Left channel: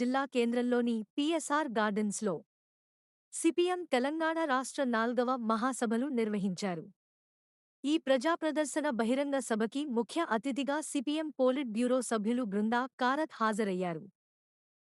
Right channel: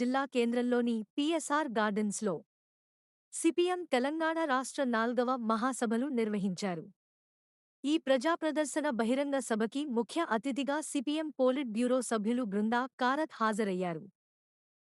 జిల్లా కేంద్రంలోని పిఎస్ఆర్ గార్డెన్స్లో సిపిఎం తెలంగాణ రాష్ట్ర 4వ మహాసభలు నిర్వహించారు. ఈ ప్రజాప్రదర్శన బహిరంగ సభకి ముఖ్య అతిథిగా సిపిఎం పోలిట్ బ్యూరో సభ్యులు బృందా కారత్ హాజరయ్యారు.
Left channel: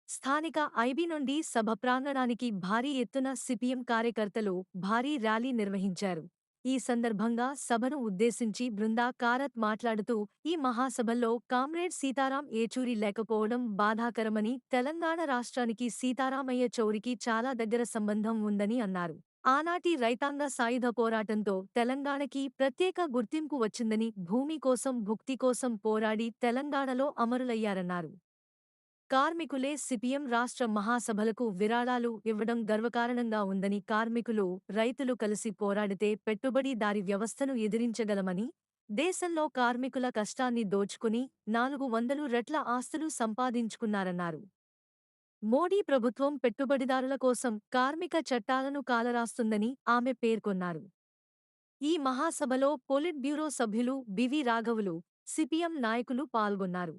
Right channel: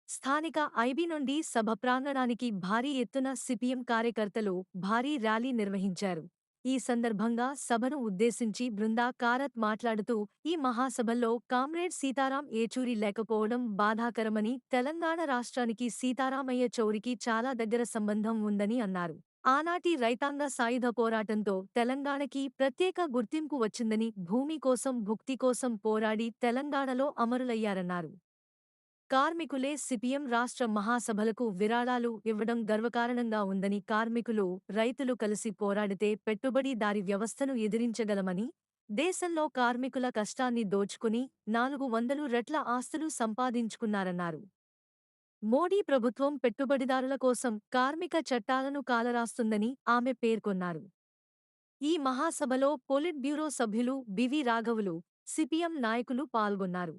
స్థానిక ఐబీ నుండి సభ ప్రాంగణానికి భారీ ఎత్తున సిపిఎం కార్యకర్తలు భారీ ర్యాలీ నిర్వహించారు. ఈ సందర్భంగా సభను ఉద్దేశించి బృందా కారత్ మాట్లాడుతూ, ఈ మహాసభల్లో కామ్రేడ్ సీతారాం ఏచూరి లేకపోవడం బాధాకరమని, తెలంగాణ రాష్ట్రానికి సీతారామయ్య చౌరికి చాలా దగ్గర సంబంధం ఉందని అన్నారు. ఆనాటి రైతాంగ సాయుధ పోరాటంతో తెలంగాణకి ప్రత్యేక గుర్తింపు వచ్చిందని, భూమి కోసం భుక్తి కోసం పోరాడి తెలంగాణలో అమరులయ్యారన్నారు. కార్మికులే సిపిఎం రాష్ట్ర మహాసభలకు విరాళాలు ఇవ్వడం గర్వకారణంగా ఉందని, కార్మికులు, రైతులు కలిసి పోరాడితే పెట్టుబడిదారీ వ్యవస్థను ఎదిరించగలమని, దేశంలో కార్మికుల కష్టాన్ని దోచుకుని 400 రెట్ల ఆస్తులు సంపాదించుకున్నారన్నారు. మోడీ ప్రభుత్వం పెట్టుబడిదారుల కోసం కార్మిక చట్టాలను కాలరాస్తుందని ఆమె పేర్కొన్నారు. ఈ మహాసభలో పొలిట్ బ్యూరో సభ్యులు బివి రాఘవులు, సిపిఎం నాయకులు పాల్గొన్నారు.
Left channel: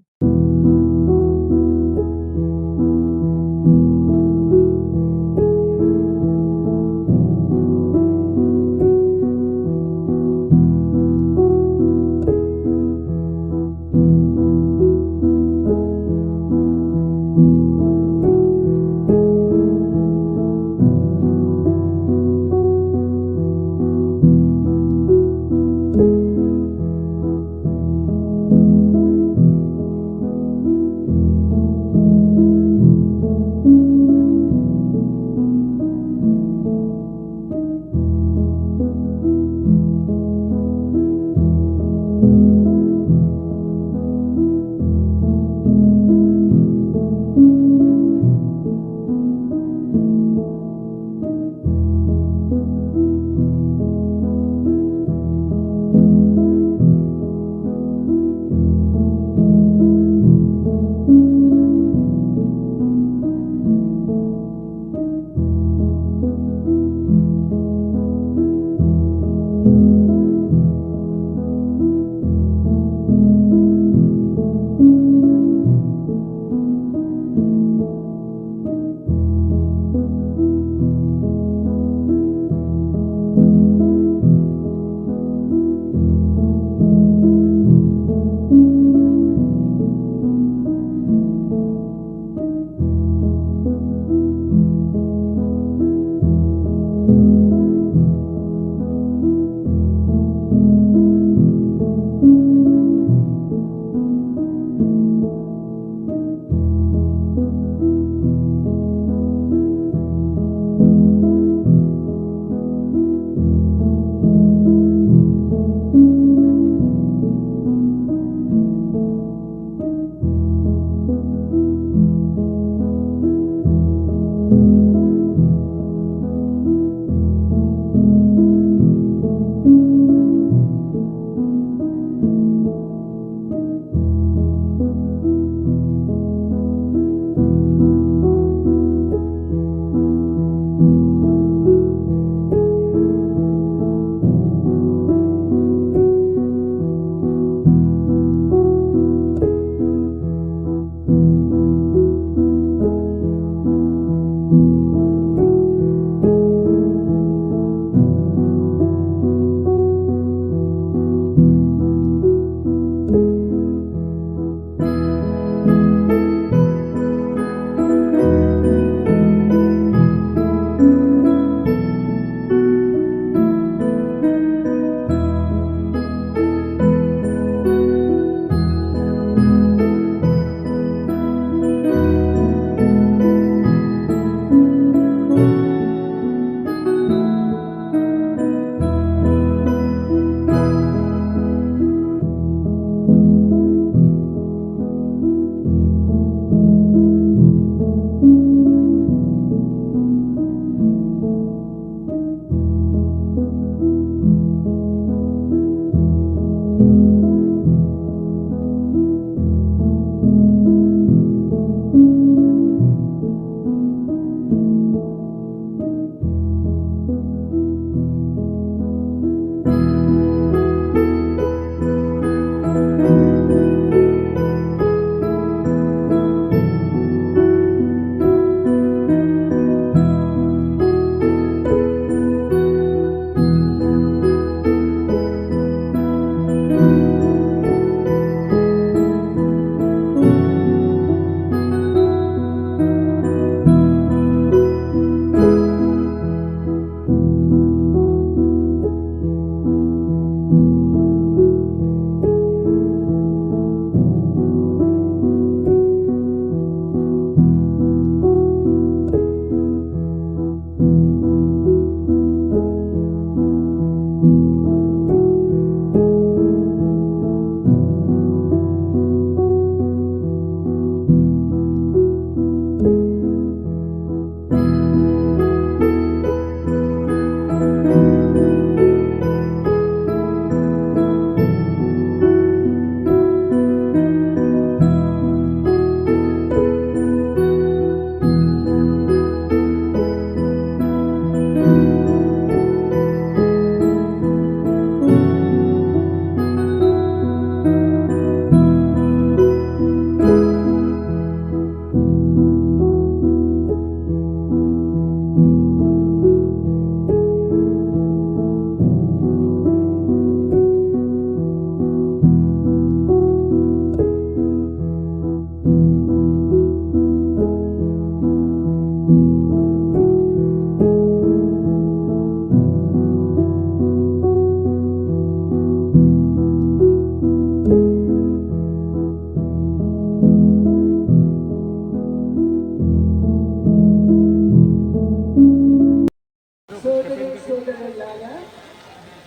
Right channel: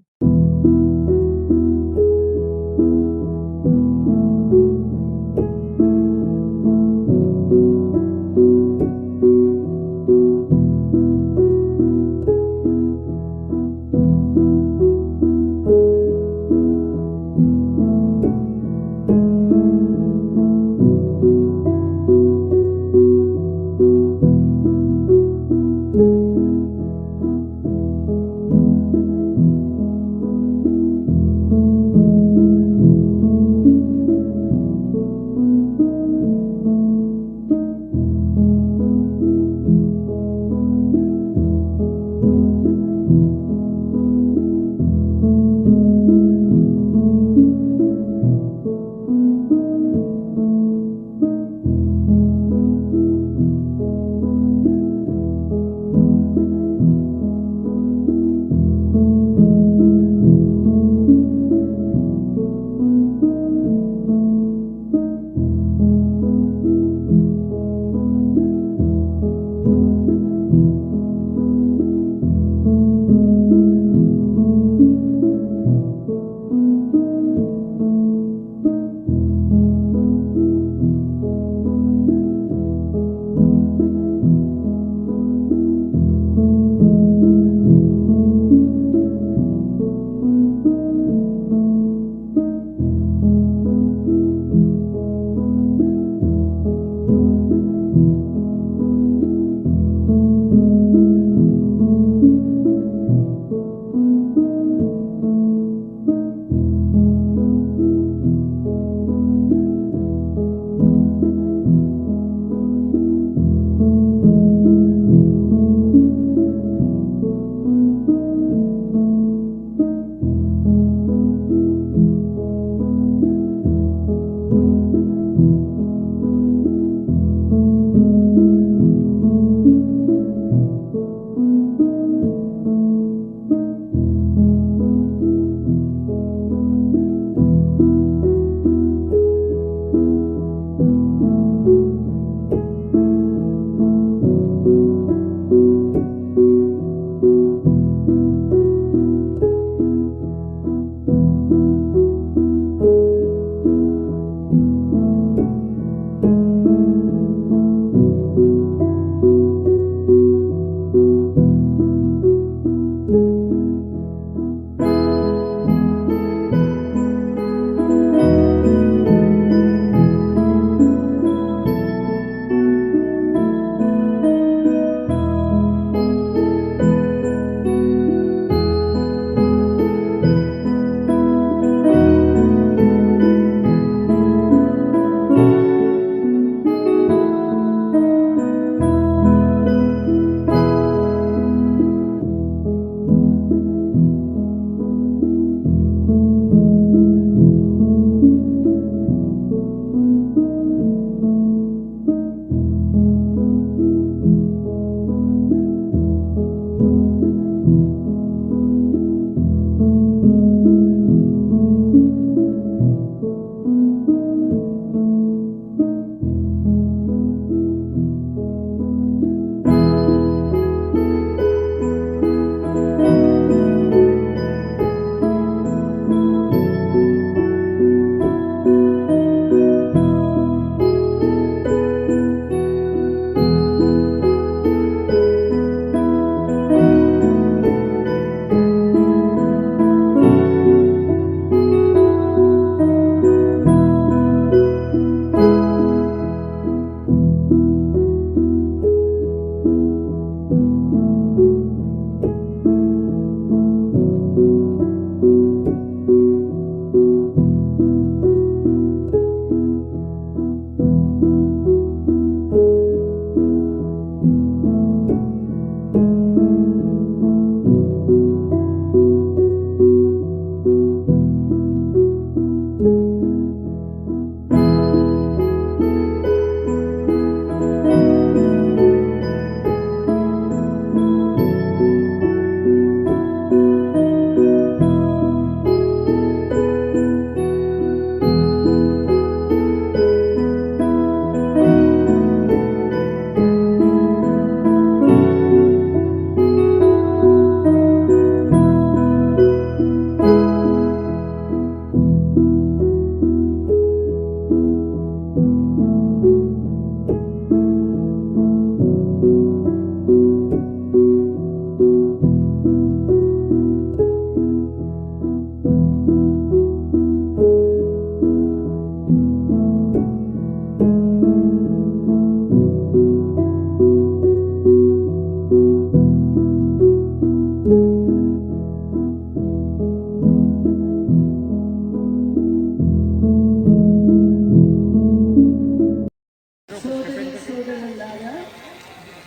సోదరి సోదరులారా,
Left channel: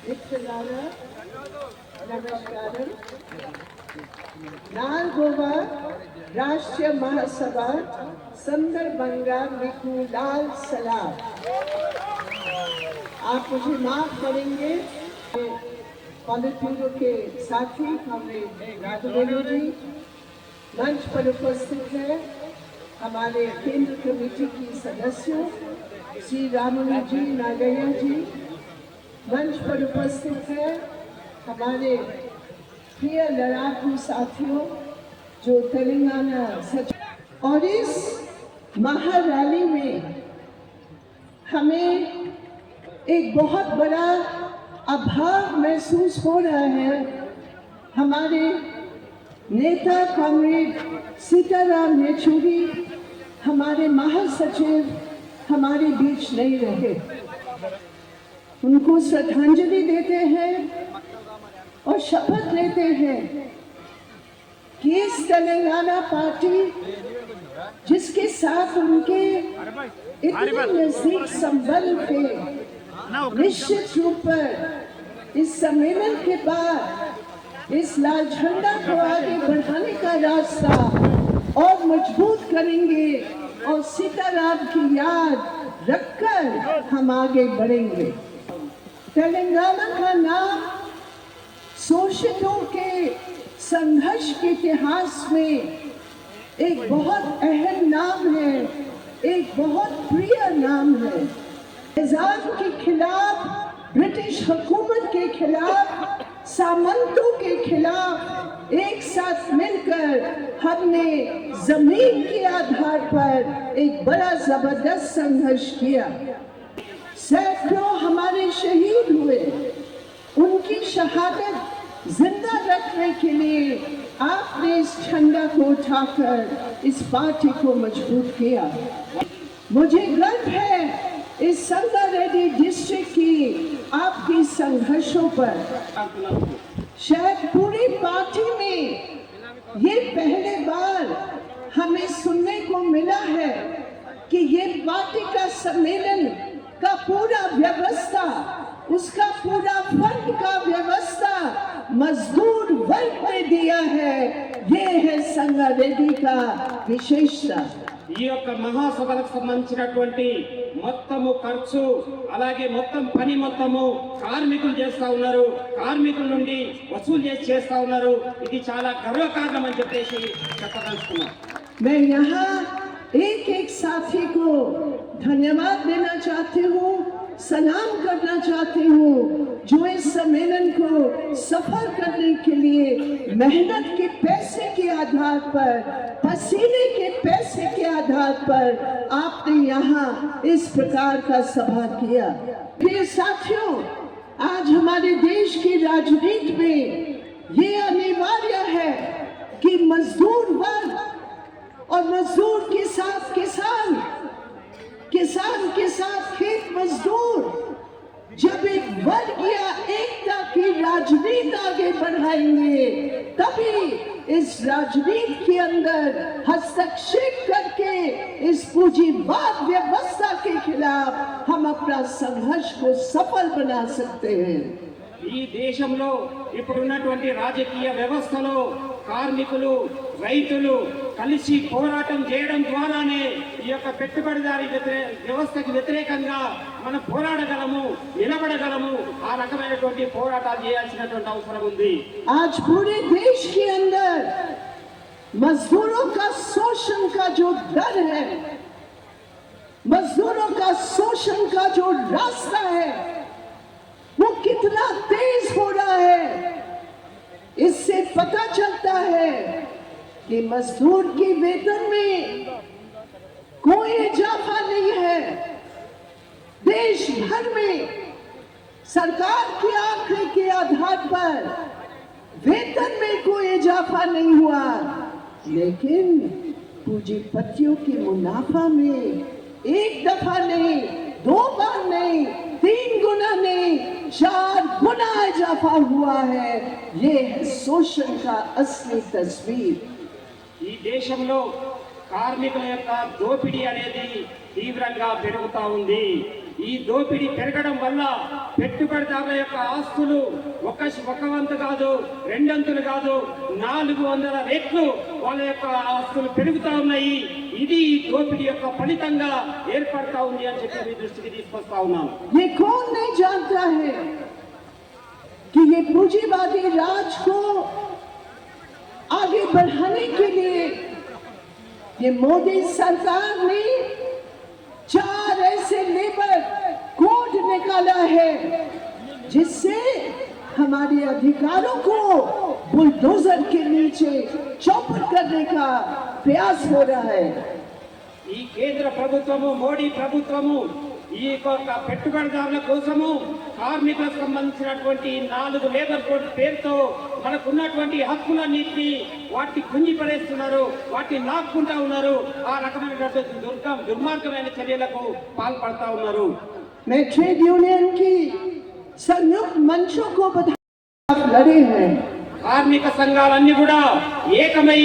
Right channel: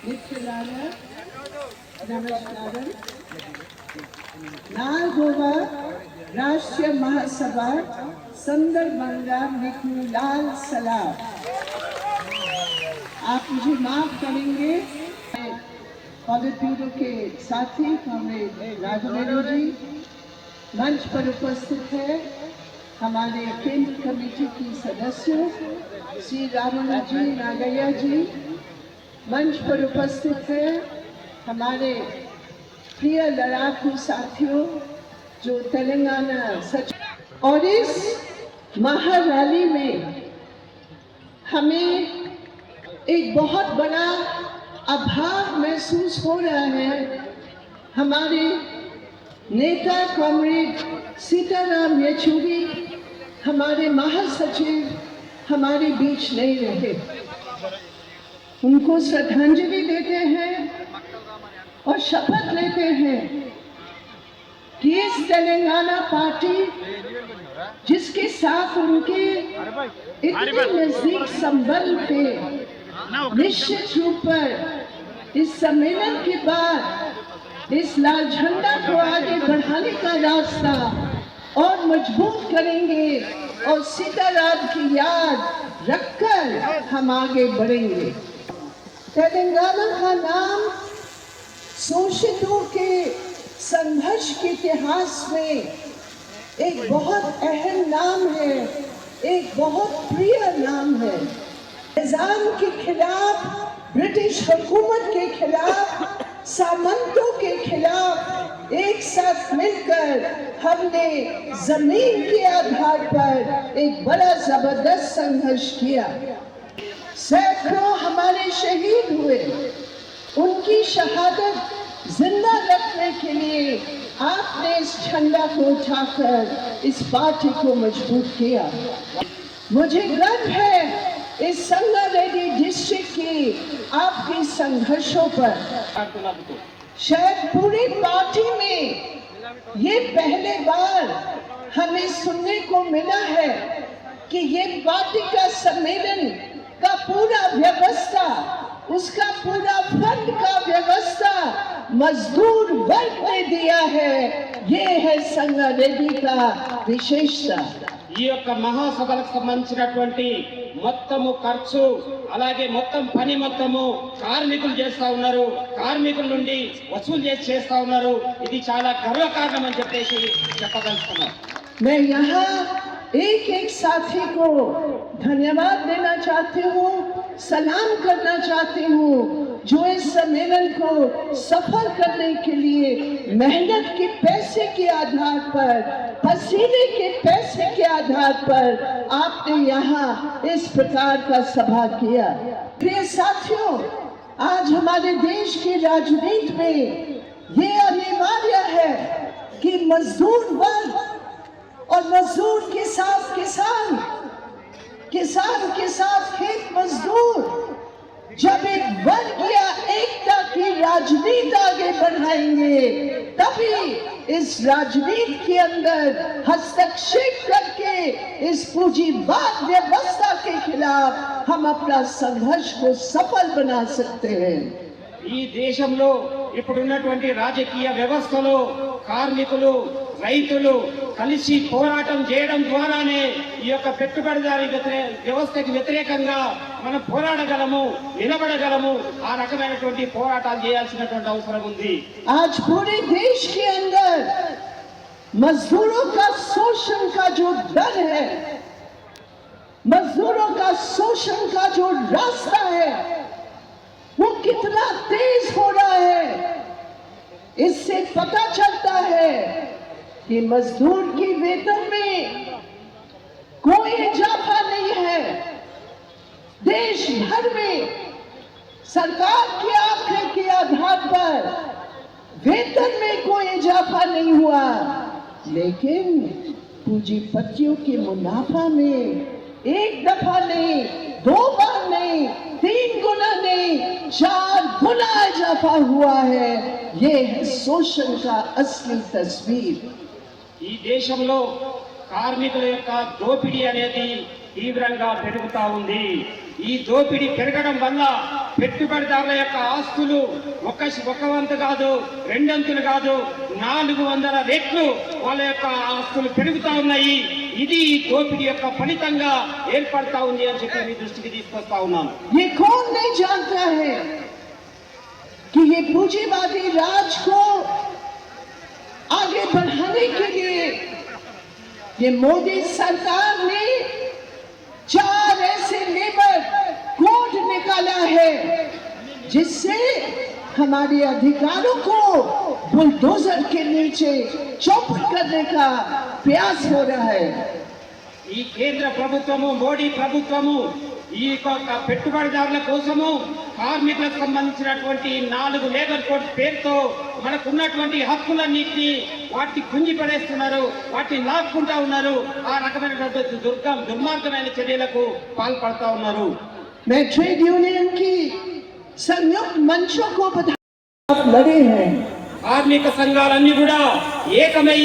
మిత్రులారా, నమస్కారం. 4వ రాష్ట్రీయ మహాసభ సందర్భంగా మీకు लाल सलाम. आप मुझे माफ करेंगे. पॉलिट ब्यूरो के साथी हमारे राघवेंद्र जी मंच पर उपस्थित है, हमारे केंद्र कमेटी की सदस्यों श्री रामू जी, नागैया जी मंच पर उपस्थित है, हमारे प्रिय लड़ाकू साथियों जो तेलंगाना सचिव. और इस महारैली में हमें एक बहुत बड़ा अभाव महसूस हो रहा है. हमारे नेता कॉमरेड सीताराम येचुरी, हमारे महासचिव हमारे बीच नहीं रहे. उनको श्रद्धांजलि देते हैं और शपथ लेते हैं कि इस तेलंगाना पार्टी जिसके साथ उनके इतने नजदीक संबंध थे, निश्चित रूप पर इस सम्मेलन के बाद इस लाल झंडा को आगे बढ़ाने का रास्ता और मजबूत करेंगे और सीताराम की याद रखकर हम आगे बढ़ेंगे. तेलंगाना का नाम शोषितों के संघर्ष के इतिहास में एक बहुत अहम नाम है, एक बहुत प्रिय नाम है. निजाम के खिलाफ, ब्रिटिश हुकूमत के खिलाफ, सामंतों के खिलाफ एक साथ मिलकर हमने जमीन के आधार पर एक बड़ा जबरदस्त संघर्ष किया. सैकड़ों हमारे शहीद हुए. उनकी शहादत जिंदा रखने के लिए आपने इस झंडा को उठाकर इस पार्टी को मजबूत किया. मुझे गर्व है इस संगारेड्डी डिस्ट्रिक्ट की आपकी संघर्षों पर. शायद पूरी पार्टी में ये पहले बार हमें सुनने को मिला है कि ये पार्टी का सम्मेलन का पूरा व्यवस्था, उसका पूरा फंड का व्यवस्था मजदूर वर्ग ने दिया है. ये है संगारेड्डी का विशेषता. ఈ యొక్క మహాసభలకు సంబంధించినటువంటి మొత్తము ఖర్చు అలాగే మొత్తం పని మొత్తము కార్మికులు చేస్తా ఉన్నారు, కార్మికుల నుండి వసూలు చేస్తా ఉన్నారు. ఇది చాలా గర్వకారణం అని చెప్పేసి చెప్పదలుచుకున్నాను. मैं यहाँ एक एक साथी को धन्यवाद देना चाहती हूँ, सलाम करना चाहती हूँ जो इस सम्मेलन को सफल करने के लिए मेहनत के पैसे के आधार पर, पसीने के पैसे के आधार पर आपने यहाँ इस प्रकार का सभा किया. प्रिय साथियों, आज हमारे देश की राजनीति में ये अनिवार्य है कि मजदूर वर्ग और मजदूर के साथ किसान, किसान के साथ खेत मजदूर जब एक वर्ग या एकता की राजनीति आगे बढ़ाएंगे तभी इस राजनीति के अंदर हस्तक्षेप करके इस पूंजीवाद व्यवस्था के खिलाफ हम अपना संघर्ष को सफल बना सकते हैं. ఈ దేశంలో ఇప్పుడున్నటువంటి రాజకీయ వ్యవస్థలో కార్మికులు, రైతులు కలిసి పోరాటం చేయడం ద్వారానే ఈ యొక్క పెట్టుబడిదారీ వ్యవస్థకి వ్యతిరేకంగా మనం పోరాడగలము, నిలబడగలము. ఆ రకమైనటువంటి పోరాటాలు చేయాల్సినటువంటి అవసరం ఉంది. आज पूरे देश के अंदर मजदूरों का शोषण का जो डर है, मजदूरों का शोषण का जो रास्ता है वो कितना तेज हो रहा है. इससे पता चलता है कि मजदूर की वेतन में कोई इजाफा नहीं है. देश भर में सरकार के आंकड़े के आधार पर वेतन में कोई इजाफा नहीं हुआ, लेकिन पूंजीपतियों के मुनाफा में एक दफा नहीं, 2 बार नहीं, 3 गुना नहीं, 4 गुना इजाफा हुआ है. ये है शोषण का असली तस्वीर. ఈ దేశంలో కార్మికుల యొక్క దోపిడీ అనేది తీవ్రంగా పెరుగుతా ఉంది. ఈ దోపిడీ పెరగడం వల్ల పెట్టుబడిదారుల యొక్క ఆస్తులు ఒక వంతు కాదు, రెండంతులు కాదు, 400 రెట్లు వాళ్ళ యొక్క ఆస్తులు పెరుగుతా ఉన్నాయి. ఇది ఈ దోపిడీ యొక్క ఫలితంగా ఏర్పడతా ఉంది అని చెప్పి మీ దృష్టికి తీసుకొస్తా ఉన్నాను. ये कौन नहीं जानता है कि ये पूंजीवादी राज को आगे बढ़ाने के लिए ये मोदी सरकार ने 4 ऐसे लेबर कोड निकाला है जिससे हमारे अधिकारों को बुलडोजर के नीचे चौपट करने का प्रयास हो रहा है। ఈ కేంద్ర ప్రభుత్వము, మోడీ ప్రభుత్వము ఈ పెట్టుబడిదారుల కోసము కార్మికులకు సంబంధించినటువంటి 4 లేబర్ కోడ్ పేరుతో మనకున్నటువంటి హక్కులన్నింటినీ వాటిని కుంగి పడేస్తున్నారు, వాటిని లాక్కుంటా ఉన్నారు. ఆ రకమైనటువంటి దుర్మార్గమైన చర్యలకు పాల్పడతా ఉన్నారు. मैं ट्रेड यूनियन की संयुक्त मंचों को लड़े हैं। కార్మిక సంఘాలన్నీ కూడా ఏకమై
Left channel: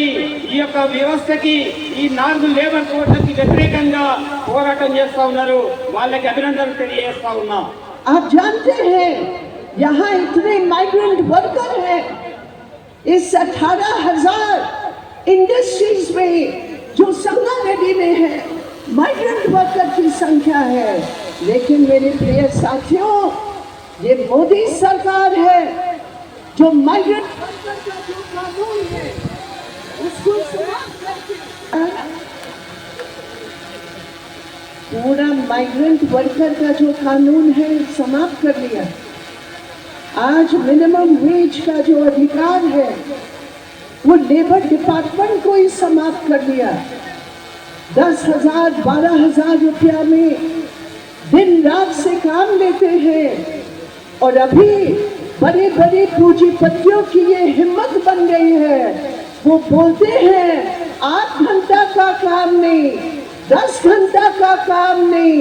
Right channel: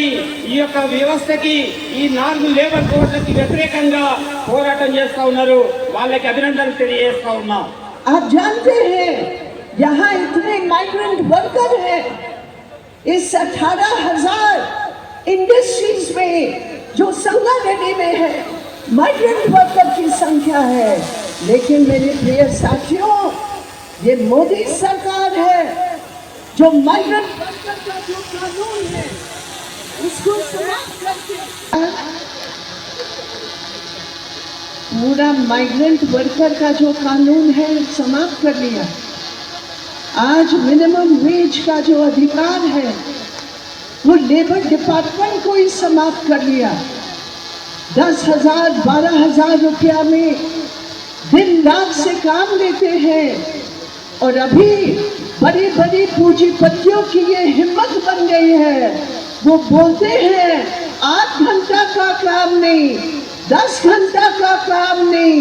ఈ యొక్క వ్యవస్థకి, ఈ 4 లేబర్ కోడ్లకి వ్యతిరేకంగా పోరాటం చేస్తా ఉన్నారు. వాళ్ళకి అభినందనలు తెలియజేస్తా ఉన్నా. आप जानते हैं यहाँ इतने माइग्रेंट वर्कर हैं, इस 18,000 इंडस्ट्रीज में जो संगारेड्डी में है माइग्रेंट वर्कर की संख्या है। लेकिन मेरे प्रिय साथियों, ये मोदी सरकार है जो माइग्रेंट वर्कर का जो कानून है उसको समाप्त करके पूरा माइग्रेंट वर्कर का जो कानून है समाप्त कर लिया। आज मिनिमम वेज का जो अधिकार है वो लेबर डिपार्टमेंट को ही समाप्त कर दिया। 10,000 12,000 रुपया में दिन रात से काम लेते हैं और अभी बड़े बड़े पूंजीपतियों की ये हिम्मत बन गई है। वो बोलते हैं 8 घंटा का काम नहीं, 10 घंटा का काम नहीं,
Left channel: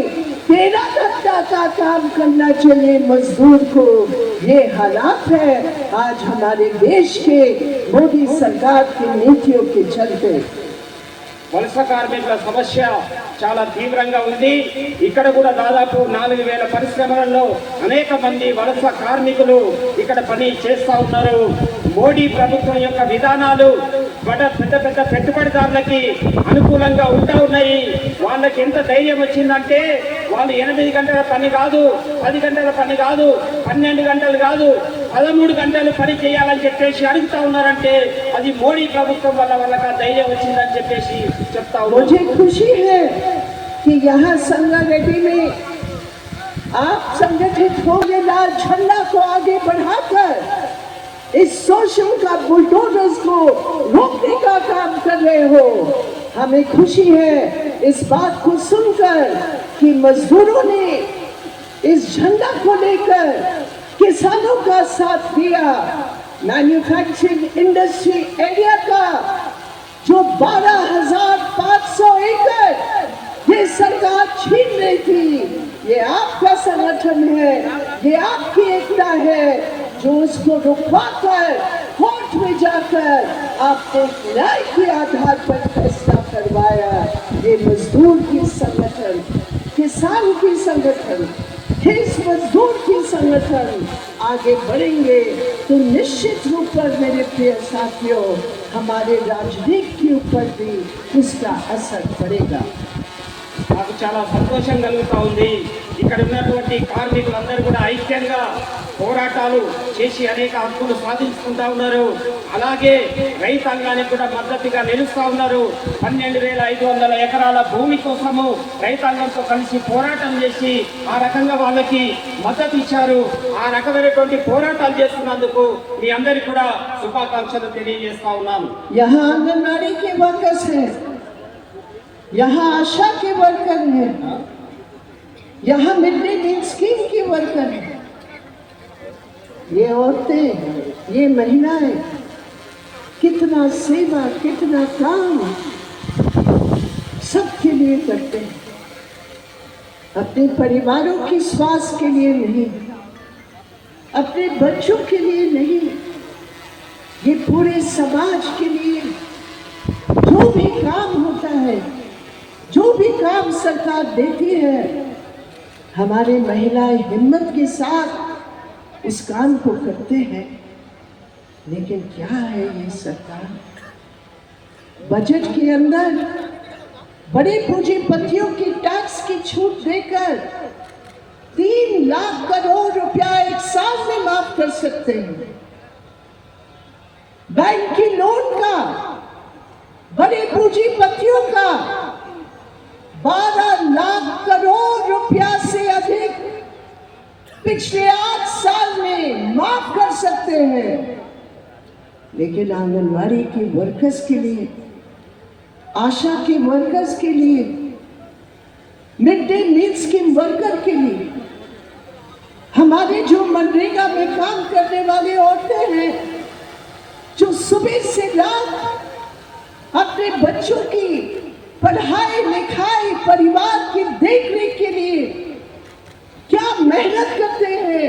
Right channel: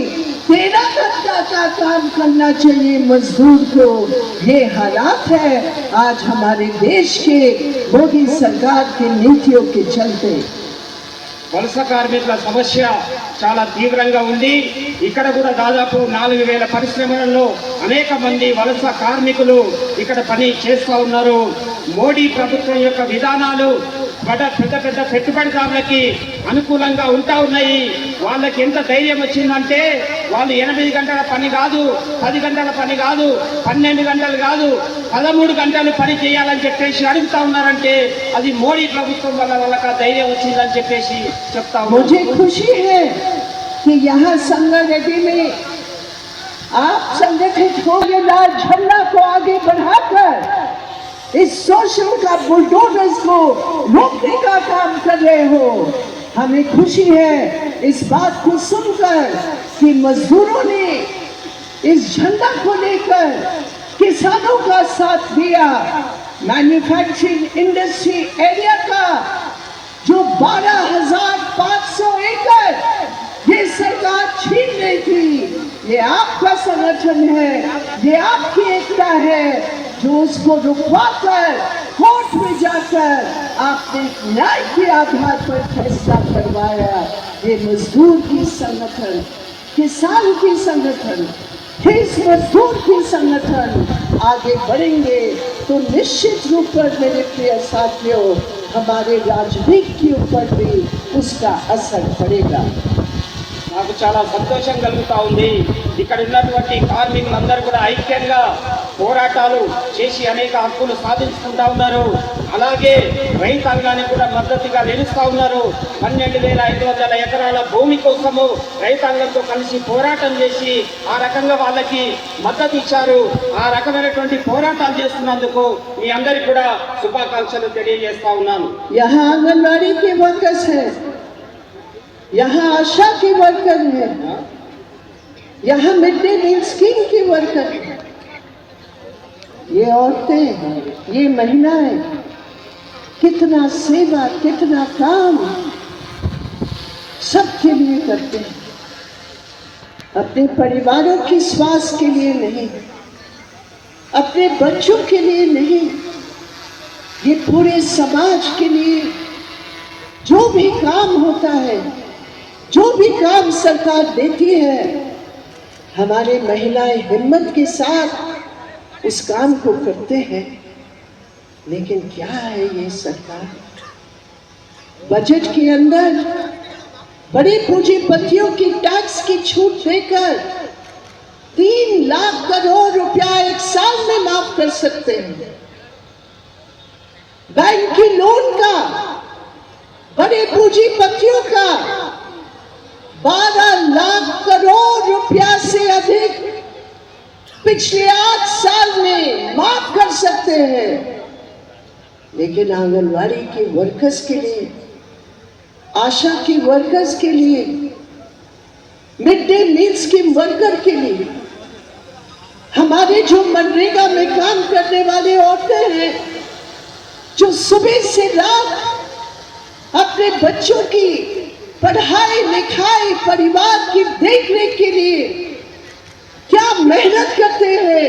13 घंटा का काम करना चाहिए मजदूर को। ये हालात है आज हमारे देश के मोदी सरकार की नीतियों के चलते। వలస కార్మికుల సమస్య చాలా తీవ్రంగా ఉంది. ఇక్కడ కూడా దాదాపు 4,000 పరిశ్రమలలో అనేక మంది వలస కార్మికులు ఇక్కడ పని చేస్తూ ఉన్నారు. మోడీ ప్రభుత్వం యొక్క విధానాలు పెద్ద పెద్ద పెట్టుబడిదారులకి అనుకూలంగా ఉంటా ఉన్నాయి. వాళ్ళకి ఎంత ధైర్యం వచ్చిందంటే వాళ్ళు 8 గంటల పని కాదు, 10 గంటల పని కాదు, 12 గంటలు కాదు, 13 గంటలు పని చేయాలని చెప్పేసి అడుగుతా ఉన్నారంటే అది మోడీ ప్రభుత్వం వల్ల వాళ్ళకి ధైర్యం వచ్చిందని చెప్పేసి చెప్తా ఉన్నారు. मुझे खुशी है कि यहाँ संगारेड्डी में आप संगठित होकर लाल झंडा को आगे बढ़ाकर इस शोषण का बुलडोजर्स को रोकने का काम कर रहे हो। हमें खुशी है इस बात को सुनकर कि मजदूरों ने इस झंडा को लेकर किसानों का साथ दिया। मैन्युफैक्चरिंग इंडस्ट्री एरिया का जो 12,500 एकड़ ये सरकार छीन रही थी, ये आपका संगठन है, ये आपकी एकता है जो उसको रुकवाकर कोर्ट में जाकर आपने न्याय के आधार पर फैसला करवाया। ये मजदूर की संगठन, किसान की संगठन, इस मजदूर की संगठन आगे बढ़ेंगे तो निश्चित रूप पर मेरे प्रिय साथियों हमारे राजनीति के ऊपर भी उसका असर पड़ेगा। నాకు చాలా సంతోషం కలుగుతా ఉంది. ఇక్కడ ఉన్నటువంటి కార్మికులందరూ కూడా ఐక్యంగా పోరాటాలు చేసి అనేక హక్కులు సాధించుకుంటా ఉన్నారు. అలాగే రైతాంగానికి కూడా మద్దతుగా నిలుస్తా ఉన్నారు. 12,500 ఎకరాల భూమి కోసము రైతాంగంతో కలిసి పోరాటం చేసి ఆ రకంగా వాళ్ళకి మద్దతు ఇచ్చారు. ఆ రకమైనటువంటి పోరాటాలు చేస్తున్నందుకు మీ అందరికీ కూడా శుభాకాంక్షలు తెలియజేస్తా ఉన్నాను. यहाँ आंगनबाड़ी के वर्कर्स हैं, यहाँ आशा के वर्कर हैं, यहाँ मिड डे मील स्कीम के वर्कर हैं। ये औरतें, ये महिलाएं कितना सेवा, कितना काम सबके लिए करते हैं। अपने परिवारों की स्वास्थ्य के लिए नहीं, अपने बच्चों के लिए नहीं, ये पूरे समाज के लिए जो भी काम होता है, जो भी काम सरकार देती है, हमारे महिलाएं हिम्मत के साथ उस काम को करते हैं। लेकिन क्या है ये सरकार, बजट के अंदर बड़े पूंजीपतियों की टैक्स की छूट देकर 3 लाख करोड़ रुपया एक साल में माफ कर सकते हैं। बैंक की लोन का, बड़े पूंजीपतियों का 12 लाख करोड़ रुपया से अधिक पिछले 8 साल में माफ कर सकते हैं। लेकिन आंगनवाड़ी के वर्कर्स के लिए, आशा के वर्कर्स के लिए, mid day meal scheme worker के लिए, हमारे जो मनरेगा में काम करने वाले औरतें हैं, जो सुबह से रात अपने बच्चों की पढ़ाई लिखाई, परिवार की देखरेख के लिए क्या मेहनत करते हैं,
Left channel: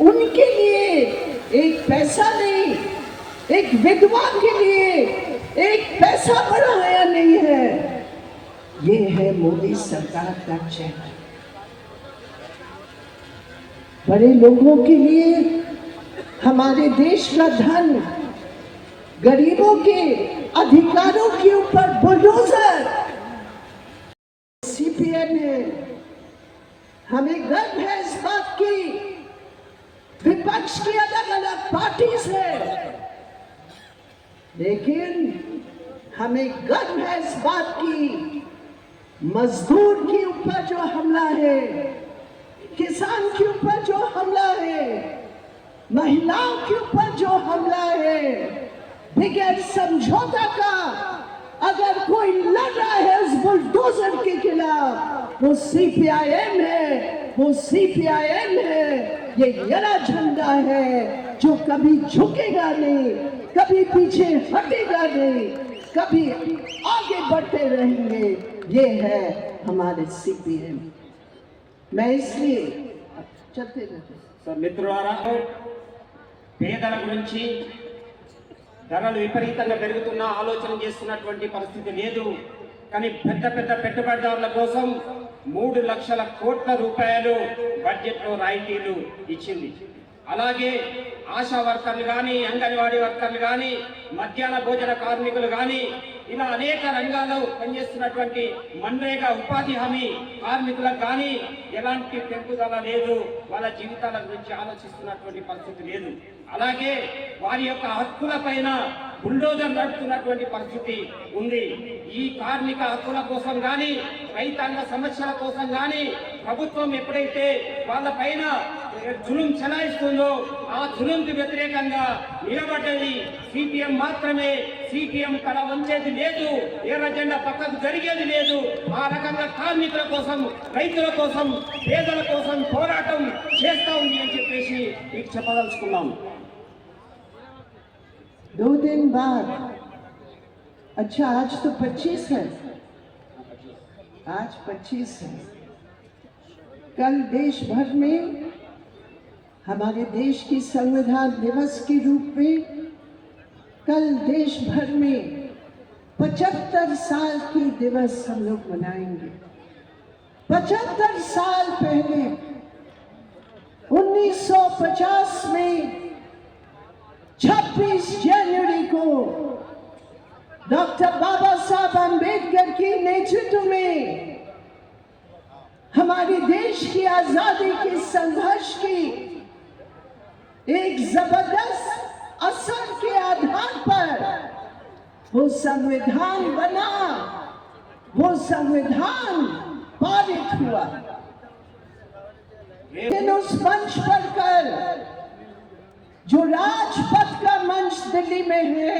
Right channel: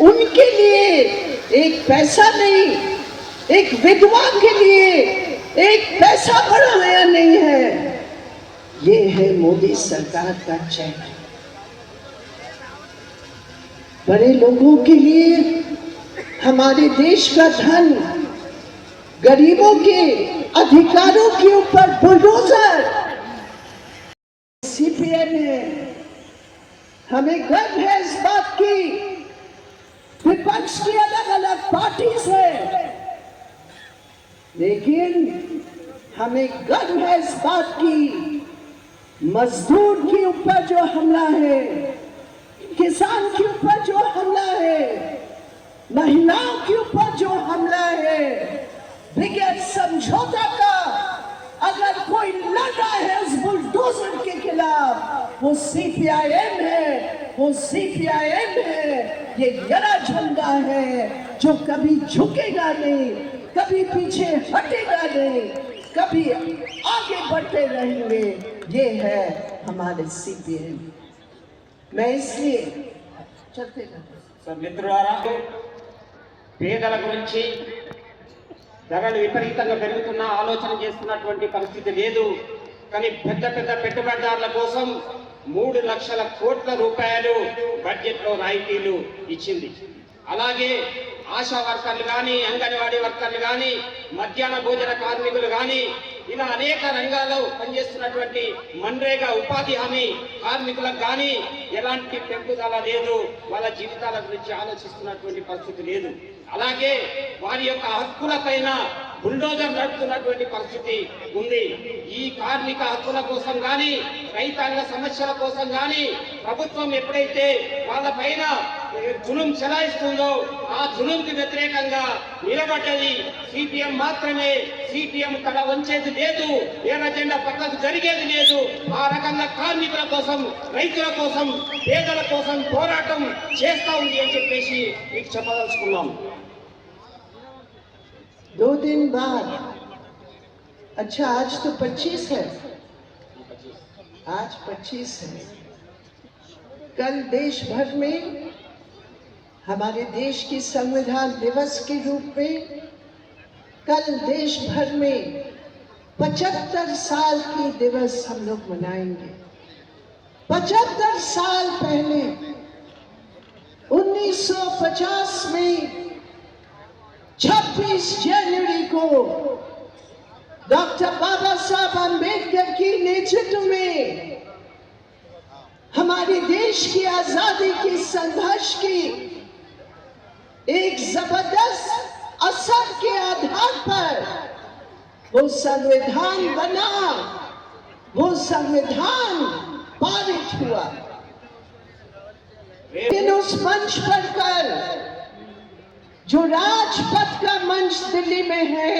उनके लिए एक पैसा नहीं, एक विधवा के लिए एक पैसा बढ़ाया नहीं है। ये है मोदी सरकार का चेहरा। बड़े लोगों के लिए हमारे देश का धन, गरीबों के अधिकारों के ऊपर बुलडोजर सीपीएम है। हमें गर्व है इस बात की। विपक्ष की अलग अलग पार्टी है, लेकिन हमें गर्व है इस बात की, मजदूर के ऊपर जो हमला है, किसान के ऊपर जो हमला है, महिलाओं के ऊपर जो हमला है, बगैर समझौता का अगर कोई लड़ रहा है उस बुलडोजर के खिलाफ, वो सीपीआईएम है, वो सीपीआईएम है। ये गला झंडा है जो कभी झुकेगा नहीं, कभी पीछे हटेगा नहीं, कभी आगे बढ़ते रहेंगे। ये है हमारे सीपीएम। मैं इसलिए चलते रहते మిత్రులారా, పేదల గురించి ధరలు విపరీతంగా పెరుగుతున్న ఆలోచన చేస్తున్నటువంటి పరిస్థితి లేదు. కానీ పెద్ద పెద్ద పెట్టుబడిదారుల కోసం 3 లక్షల కోట్ల రూపాయలు బడ్జెట్లో రాయితీలు ఇచ్చింది. అలాగే ఆశా వర్కర్లు కానీ, అంగన్వాడీ వర్కర్లు కానీ, మధ్యాహ్న భోజన కార్మికులు కానీ, ఇలా అనేక రంగాల్లో పనిచేస్తున్నటువంటి మన్రేగా ఉపాధి హామీ కార్మికులకు కానీ ఎలాంటి పెంపుదల లేదు. వాళ్ళ జీవితాల గురించి ఆలోచిస్తున్నటువంటి పరిస్థితి లేదు. అలాగే వారి యొక్క హక్కుల పైన బుల్డోజర్ నడుపుతున్నటువంటి పరిస్థితి ఉంది. ఈ కార్మిక హక్కుల కోసం కానీ, రైతాంగ సమస్యల కోసం కానీ ప్రభుత్వం ఎప్పుడైతే వాళ్ళ పైన జులుం చెలాయిస్తుందో ఆ జులుంకి వ్యతిరేకంగా నిలబడ్డది సిపిఎం మాత్రమే. సిపిఎం తల వంచేది లేదు, ఎర్ర జెండా పక్కకు జరిగేది లేదు. ఆ రకంగా కార్మికుల కోసం, రైతుల కోసం, పేదల కోసం పోరాటం చేస్తా ఉంది అని చెప్పేసి మీకు చెప్పదలుచుకున్నాం. 2 दिन बाद, अच्छा आज तो 25 है, आज 25 है। कल देश भर में हमारे देश की संविधान दिवस के रूप में कल देश भर में 75 साल की दिवस हम लोग मनाएंगे। 75 साल पहले 1950 में 26 जनवरी को डॉक्टर बाबा साहब अम्बेडकर की नेतृत्व में हमारे देश की आजादी के संघर्ष की एक जबरदस्त असर के आधार पर वो संविधान बना, वो संविधान पारित हुआ। लेकिन उस मंच पर कल जो राजपथ का मंच दिल्ली में है,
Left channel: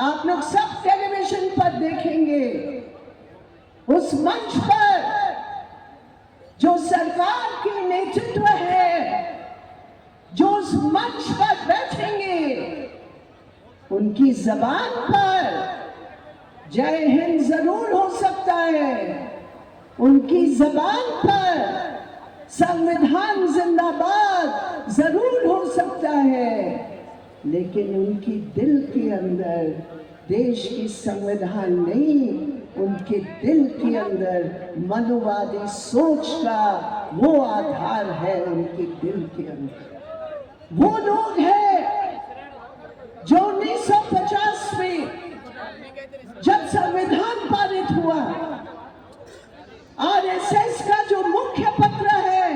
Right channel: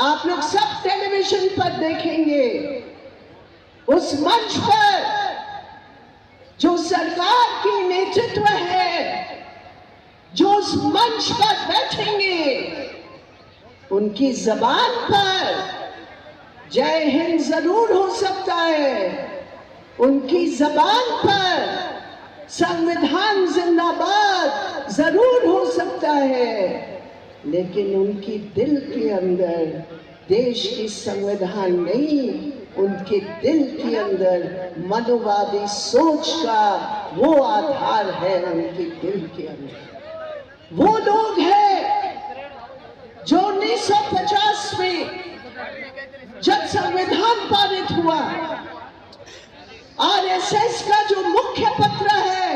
आप लोग सब टेलीविजन पर देखेंगे, उस मंच पर जो सरकार की नेतृत्व है, जो उस मंच पर बैठेंगे, उनकी जबान पर जय हिंद जरूर हो सकता है, उनकी जबान पर संविधान जिंदाबाद जरूर हो सकता है, लेकिन उनकी दिल के अंदर देश की संविधान नहीं, उनके दिल के अंदर मनुवादी सोच का वो आधार है उनके दिल के अंदर। वो लोग हैं जो 1950 में जब संविधान पारित हुआ, आरएसएस का जो मुख्य पत्र है,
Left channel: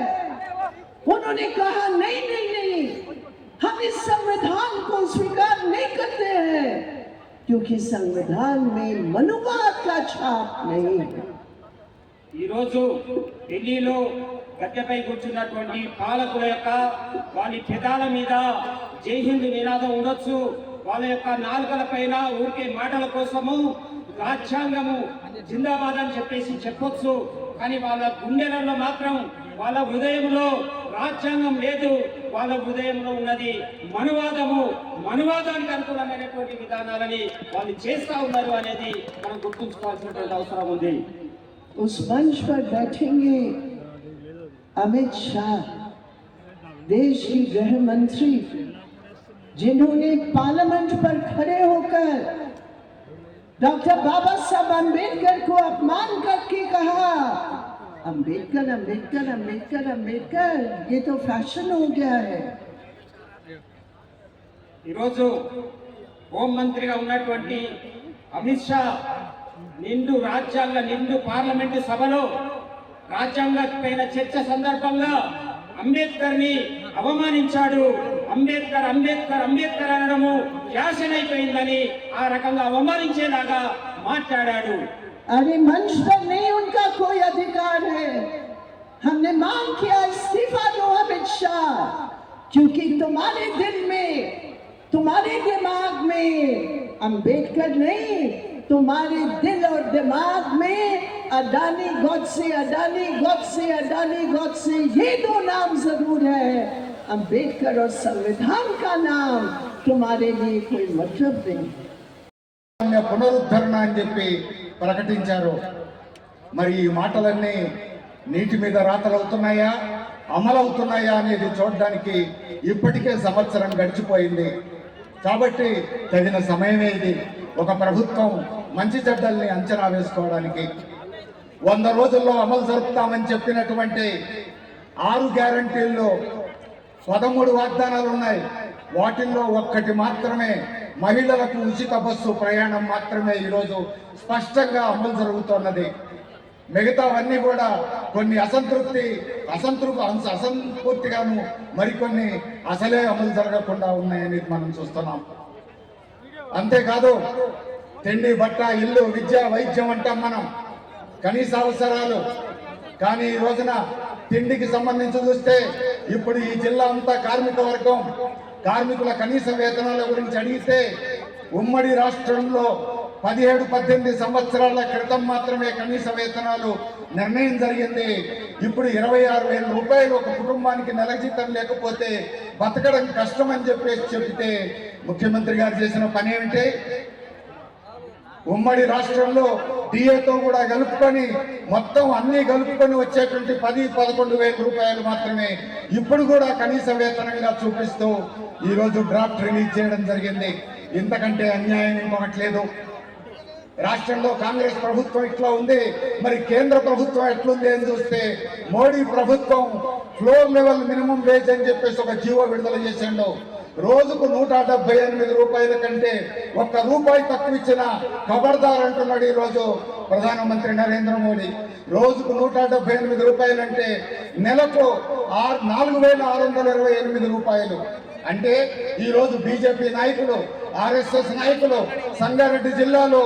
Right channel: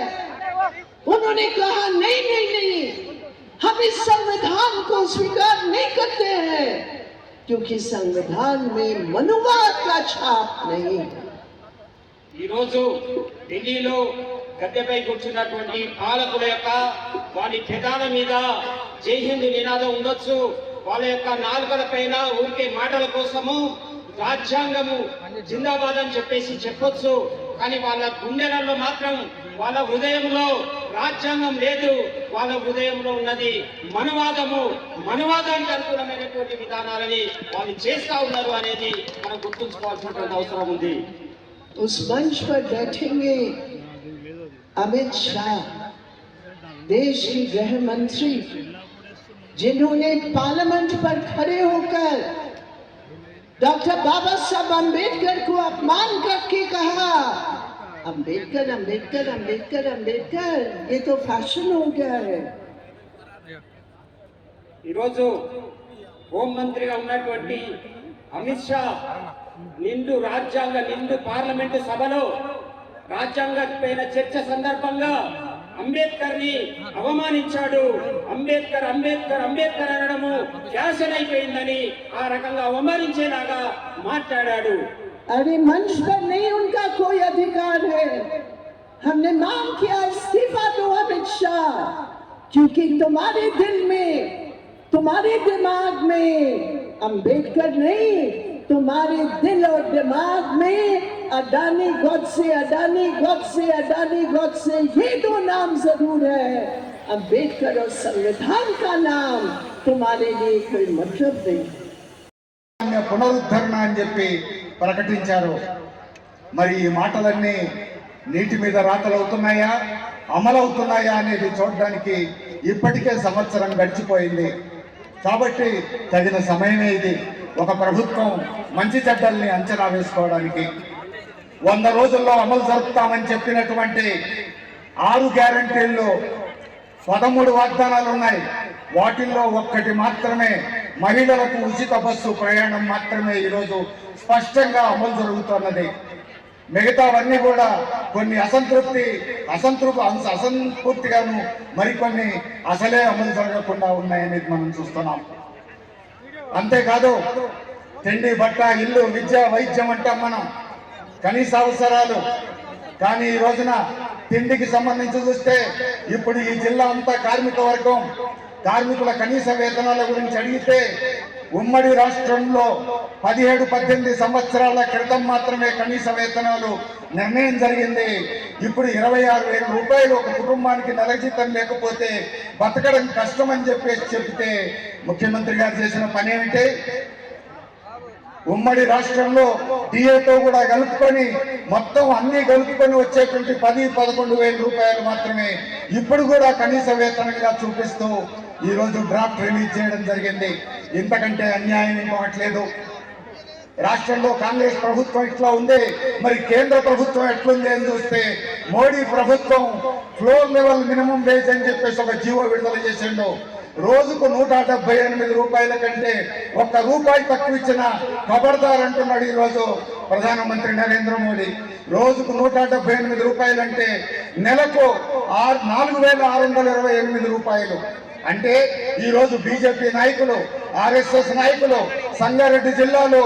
उन्होंने कहा नहीं नहीं नहीं, हम इस संविधान को स्वीकार नहीं करते हैं क्योंकि संविधान में मनुवाद का छाप नहीं है। ఈరోజు ఢిల్లీలో గద్దెపై కూర్చున్నటువంటి పాలకుల యొక్క వారి పెదాల మీద జై హింద్ నినాదం ఉండొచ్చు, వాళ్ళ యొక్క నాలుకల పైన ఊరికే మాటల కోసము రాజ్యాంగము జిందాబాద్ అని చెప్పొచ్చు, కానీ వాళ్ళ గుండెలలో మాత్రం వాళ్ళ హృదయంలో రాజ్యాంగం లేదు, వాళ్ళ హృదయంలో ఉన్నది మనువాదము, మనువాదానికి అనుకూలమైనటువంటి విధానాలని వాళ్ళు చేస్తా ఉన్నారు అనేది మనం గుర్తుంచుకోవాల్సినటువంటి అవసరం ఉంది. उस मंच पर बैठेंगे अमित शाह, देश की गृह मंत्री, जिन्होंने पार्लियामेंट पर खड़े होकर डॉक्टर बाबा साहब अम्बेडकर को अपमान करके कहा अम्बेडकर अम्बेडकर अम्बेडकर अम्बेडकर, ये तो फैशन हो गया है। ఈరోజు హోం మంత్రిగా ఉన్నటువంటి అమిత్ షా నిండు పార్లమెంటు సభలో రాజ్యాంగ పైన చర్చ సందర్భంగా అంబేద్కర్ ని అవమానించాడు. అంబేద్కర్ అంబేద్కర్ అంబేద్కర్ అనడము ఫ్యాషన్ అయిపోయిందని ఆ రకంగా అవమానించేలాగా మాట్లాడాడు. अरे मंच पर नहीं उनका कोई अधिकार है। हमने मांग किया इस्तीफा दो अमित शाह, क्योंकि तुम्हारे दिल में, तुम्हारे दिमाग में अंबेडकर नहीं, तुम्हारे दिल और दिमाग में अडानी गॉडसे, अडानी गॉडसे, अडानी गॉडसे, ये दो नाम जरूर है। अंबेडकर और संविधान का नाम तुम्हारे लिए कोई मतलब नहीं। పునరుద్ధరణ అని చెప్పి ప్రకటించారు. మరి ఈ మాటలన్నీ నీటి మీద రాతలవుతున్నాయా, అమలవుతున్నాయా అనేది చూడడానికి ఇప్పటికే సంవత్సరం గడిచిపోయింది. కాబట్టి తగిన సమయమే ఇది. ఒక ప్రభుత్వం మంచి చెడ్డల్ని అంచనా వేసుకోవడానికి 100 రోజుల్లో అమలు జరుపుతామని చెప్పినటువంటి 6 గ్యారంటీల్లో 13 వాగ్దానాలు ఉన్నాయి. వాటిల్లో ఒక్కటి మాత్రమే, మహిళలకు ఉచిత బస్సు ప్రయాణం మాత్రమే ఈరోజు స్పష్టంగా అమలు జరుగుతున్నది. మిగతావన్నీ కూడా కొన్ని అసంపూర్తిగాను, మరికొన్ని అసలే అమలు జరగకుండా ఉన్నాయని మనం చూస్తున్నాం. అంతేకాదు, తిండి, బట్ట, ఇల్లు, విద్య, వైద్యం అంటాం మనం, కనీస అవసరాలు. కానీ ఈ రోజున తిండికి సంబంధించి చూస్తే ఇప్పుడు ఈ జిల్లా అంతా కార్మిక వర్గం, కార్మికుల కనీస వేతనాల గురించి అడిగితే ఉమ్మడి రాష్ట్రంలో 17-18 సంవత్సరాల క్రితం మాత్రమే కనీస వేతనాలు నిర్ణయం జరిగింది. ఇప్పుడు 26,000 రూపాయలు ఒక కుటుంబానికి నెల జీతం లేకపోతే బతకడం కష్టమని చెప్తే ముఖ్యమంత్రి గారు చేసిన పని ఏమిటి? ఉమ్మడి రాష్ట్రంలో డిఏతో కూడా కలుపుకొని మొత్తం అన్ని కలుపుకొని వచ్చేటువంటి 10-11 వేల రూపాయలు మాత్రమే ఇప్పుడు కూడా కనీస వేతనంగా చూపిస్తూ ఈరోజు డ్రాఫ్ట్ రిలీజ్ చేయడం జరిగింది. ఇంతకంటే అన్యాయం ఇంకొకట్లేదు. రాష్ట్రంలో కాంగ్రెస్ ప్రభుత్వం ఇట్లా ఉంది, మరి కేంద్ర ప్రభుత్వం ఎట్లుంది అని చూస్తే మోడీ ప్రభుత్వం ఫ్లోర్ లెవెల్ మినిమం వేజ్ అని చెప్పేసి ఒక జీవో విడుదల చేసిండు. రోజుకు 178 రూపాయల కంటే ₹1 తక్కువ ఇచ్చిన ఖబర్దార్ అంటున్నాడు ఈరోజు ప్రధానమంత్రి నరేంద్ర మోడీ. రోజుకు 178 రూపాయలంటే నెలకు 4,628 రూపాయలు. అంటే ఈరోజు బీజేపీ నాయకులు, ఆర్ఎస్ఎస్ నాయకులు సంగారెడ్డి జిల్లాలో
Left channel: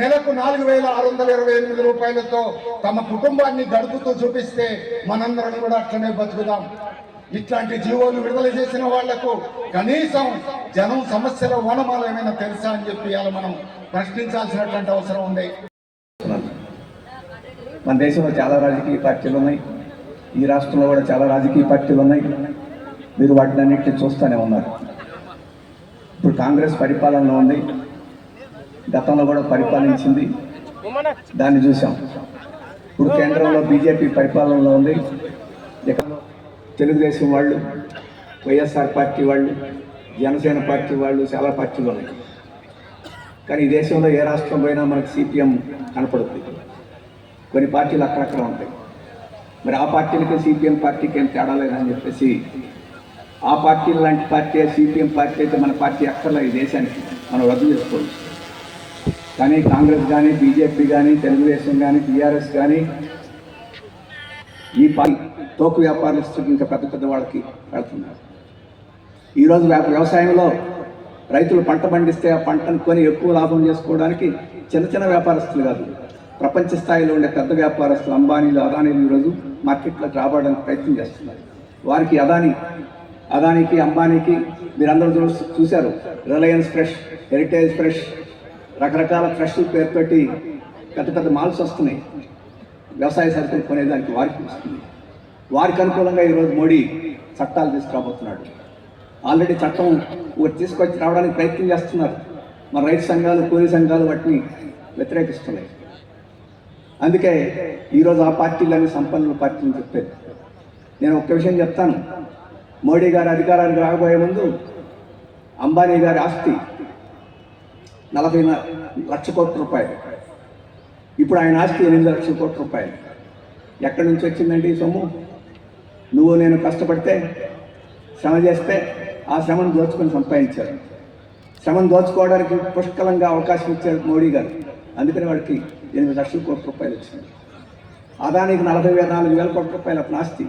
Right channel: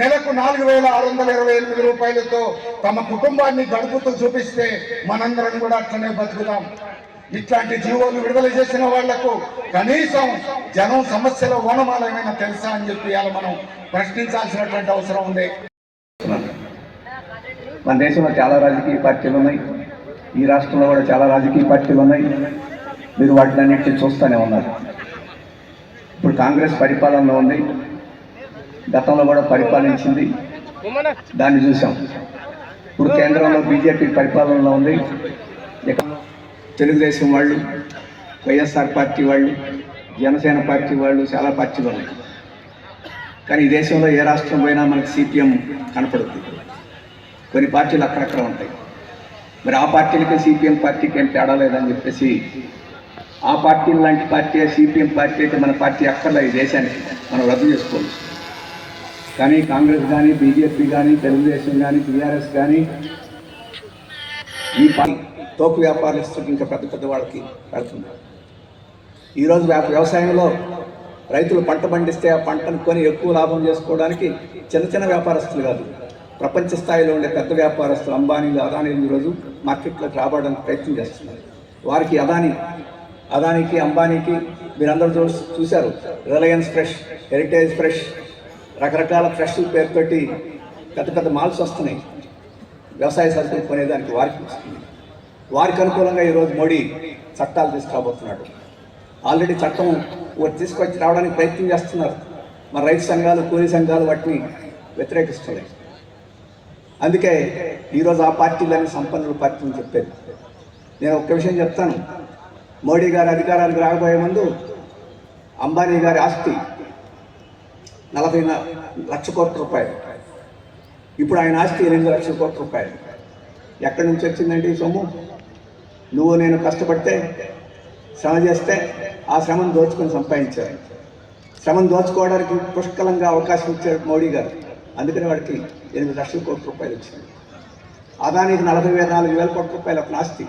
నెలకు 4,628 రూపాయలతో తమ కుటుంబాన్ని గడుపుతూ చూపిస్తే మనందరం కూడా అట్లనే బతుకుదాం. ఇట్లాంటి జీవోలు విడుదల చేసిన వాళ్లకు కనీసం జనం సమస్యల ఓనమాలు ఏమైనా తెలుసా అని చెప్పి మనం ప్రశ్నించాల్సినటువంటి అవసరం ఉంది. మన దేశంలో చాలా రాజకీయ పార్టీలు ఉన్నాయి, ఈ రాష్ట్రంలో కూడా చాలా రాజకీయ పార్టీలు ఉన్నాయి. మీరు వాటిని అన్నింటినీ చూస్తూనే ఉన్నారు. ఇప్పుడు కాంగ్రెస్ పరిపాలనలో ఉంది, గతంలో కూడా పరిపాలించింది, దాన్ని చూసాం. ఇప్పుడు కేంద్రంలో బీజేపీ పరిపాలనలో ఉంది. తెలుగుదేశం వాళ్ళు, వైఎస్ఆర్ పార్టీ వాళ్ళు, జనసేన పార్టీ వాళ్ళు, చాలా పార్టీలు ఉన్నాయి. కానీ ఈ దేశంలో ఏ రాష్ట్రం పోయినా మనకి సిపిఎం కనపడుతుంది. కొన్ని పార్టీలు అక్కడక్కడ ఉంటాయి. మరి ఆ పార్టీలకి సిపిఎం పార్టీకి ఏం తేడా లేదని చెప్పేసి ఆ పార్టీలు లాంటి పార్టీ సిపిఎం పార్టీ అయితే మన పార్టీ అక్కర్లే ఈ దేశానికి, మనం రద్దు చేసుకోవచ్చు. కానీ కాంగ్రెస్ కానీ బీజేపీ కానీ తెలుగుదేశం కానీ టీఆర్ఎస్ కానీ ఈ తోకు వ్యాపారస్తులకు ఇంకా పెద్ద పెద్ద వాళ్ళకి వెళ్తున్నారు. ఈరోజు వ్యవసాయంలో రైతులు పంట పండిస్తే ఆ పంటను కొని ఎక్కువ లాభం చేసుకోవడానికి చిన్న చిన్న వ్యాపారస్తులు కాదు, ప్రపంచ స్థాయిలో ఉండే పెద్ద వ్యాపారస్తులు అంబానీలు అదానీలు ఈరోజు మార్కెట్లోకి రాబడడానికి ప్రయత్నం చేస్తున్నారు. వారికి అదానికి అంబానీకి మీరందరూ చూశారు, రిలయన్స్ ఫ్రెష్, హెరిటేజ్ ఫ్రెష్, రకరకాల ఫ్రెష్ పేరుతోటి పెద్ద పెద్ద మాల్స్ వస్తున్నాయి. వ్యవసాయ సరుకులు కొనేదానికి వారికి వస్తుంది. వారికి అనుకూలంగా ఈరోజు మోడీ చట్టాలు తీసుకురాబోతున్నాడు. ఆల్రెడీ చట్టం తీసుకొచ్చి రావడానికి ప్రయత్నం చేస్తున్నారు. మరి రైతు సంఘాలు, కూలీ సంఘాలు వాటిని వ్యతిరేకిస్తున్నాయి. అందుకే ఈరోజు ఆ పార్టీలన్నీ సంపన్నుల పార్టీని చెప్పారు. నేను ఒక్క విషయం చెప్తాను. మోడీ గారు అధికారానికి రాకపోయే ముందు అంబానీ గారి ఆస్తి 40 లక్షల కోట్ల రూపాయలు. ఇప్పుడు ఆయన ఆస్తి 8 లక్షల కోట్ల రూపాయలు. ఎక్కడి నుంచి వచ్చిందండి ఈ సొమ్ము? నువ్వు నేను కష్టపడితే, శ్రమ చేస్తే ఆ శ్రమను దోచుకొని సంపాదించారు. శ్రమను దోచుకోవడానికి పుష్కలంగా అవకాశం ఇచ్చారు మోడీ గారు. అందుకని వాడికి 8 లక్షల కోట్ల రూపాయలు వచ్చింది. అదానికి 44,000 కోట్ల రూపాయల ఆస్తి,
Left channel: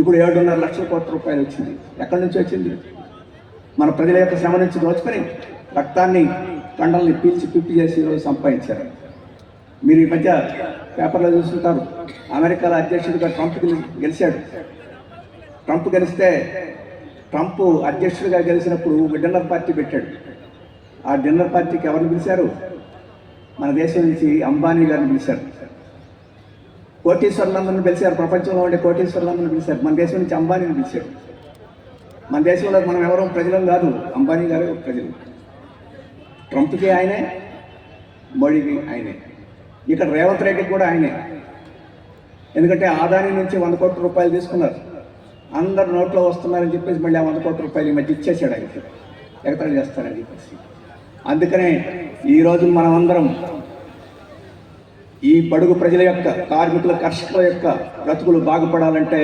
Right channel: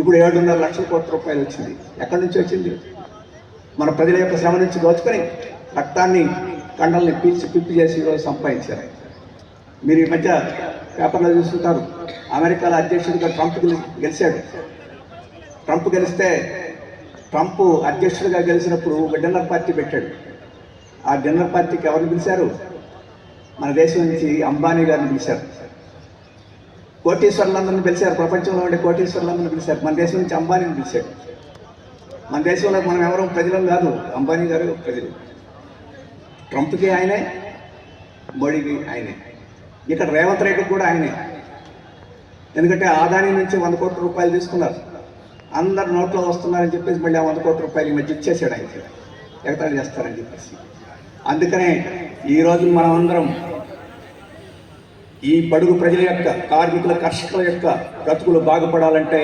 ఇప్పుడు 7.5 లక్షల కోట్ల రూపాయలు వచ్చింది. ఎక్కడి నుంచి వచ్చింది? మన ప్రజల యొక్క శ్రమ నుంచి దోచుకొని రక్తాన్ని, కండల్ని పిప్పి చేసి ఈరోజు సంపాదించారు. మీరు ఈ మధ్య పేపర్లో చూస్తుంటారు, అమెరికాలో అధ్యక్షుడిగా ట్రంప్ గెలిచాడు. ట్రంప్ గెలిస్తే ట్రంప్ అధ్యక్షుడిగా గెలిచినప్పుడు ఒక డిన్నర్ పార్టీ పెట్టాడు. ఆ డిన్నర్ పార్టీకి ఎవరు పిలిచారు? మన దేశం నుంచి అంబానీ గారిని పిలిచారు. కోటీశ్వర్లందరినీ పిలిచారు. ప్రపంచంలో ఉండే కోటీశ్వర్లందరినీ పిలిచారు. మన దేశం నుంచి అంబానీని పిలిచాడు. మన దేశంలో మనం ఎవరో ప్రజలం కాదు, అంబానీ గారు ప్రజలు. ట్రంప్కి ఆయనే, మోడీకి ఆయనే. ఇక్కడ రేవంత్ రెడ్డికి కూడా ఆయనే. ఎందుకంటే ఆదాని నుంచి 100 కోట్ల రూపాయలు తీసుకున్నారు. అందరు నోట్లో వస్తున్నారని చెప్పేసి మళ్ళీ 100 కోట్ల రూపాయలు ఈ మధ్య ఇచ్చేసాడు ఆయనకి, ఎగతాళి చేస్తారని చెప్పేసి. అందుకనే ఈరోజు మనం అందరం ఈ బడుగు ప్రజల యొక్క, కార్మికుల, కర్షకుల యొక్క బ్రతుకులు బాగుపడాలంటే